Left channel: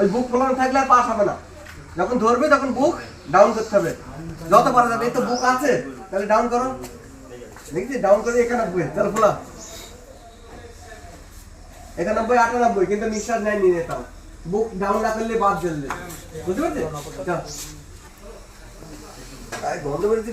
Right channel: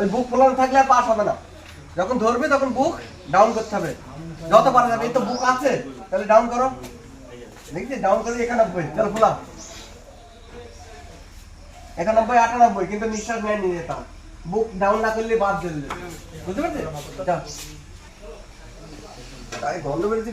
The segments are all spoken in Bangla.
ওই বুক ফোলানো থাকলে আর পাস হবে না। যখন ধরবে, তখন বুক ডাউন করতে হবে। যত পারা যাবে, এই তো বুক আছে, তাহলে ডাউন করো। দেখছি ডাউন করে একানব্বই, চল ফোলা। একানব্বই, আটানব্বই, কিন্তু নিঃশ্বাস নেয় নিয়ে যেতাম বুক ডাউন না করলে বাদ দিলে। বুঝতে পেরেছ? গন্ধ বেরোচ্ছে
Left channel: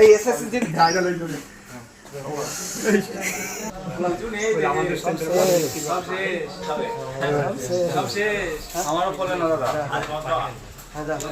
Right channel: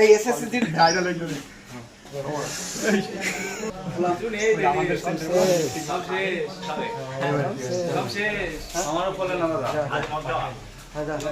এই এসএসসি দিন ভাইরাল হয়ে যাবে আমারও বলে না দাদা।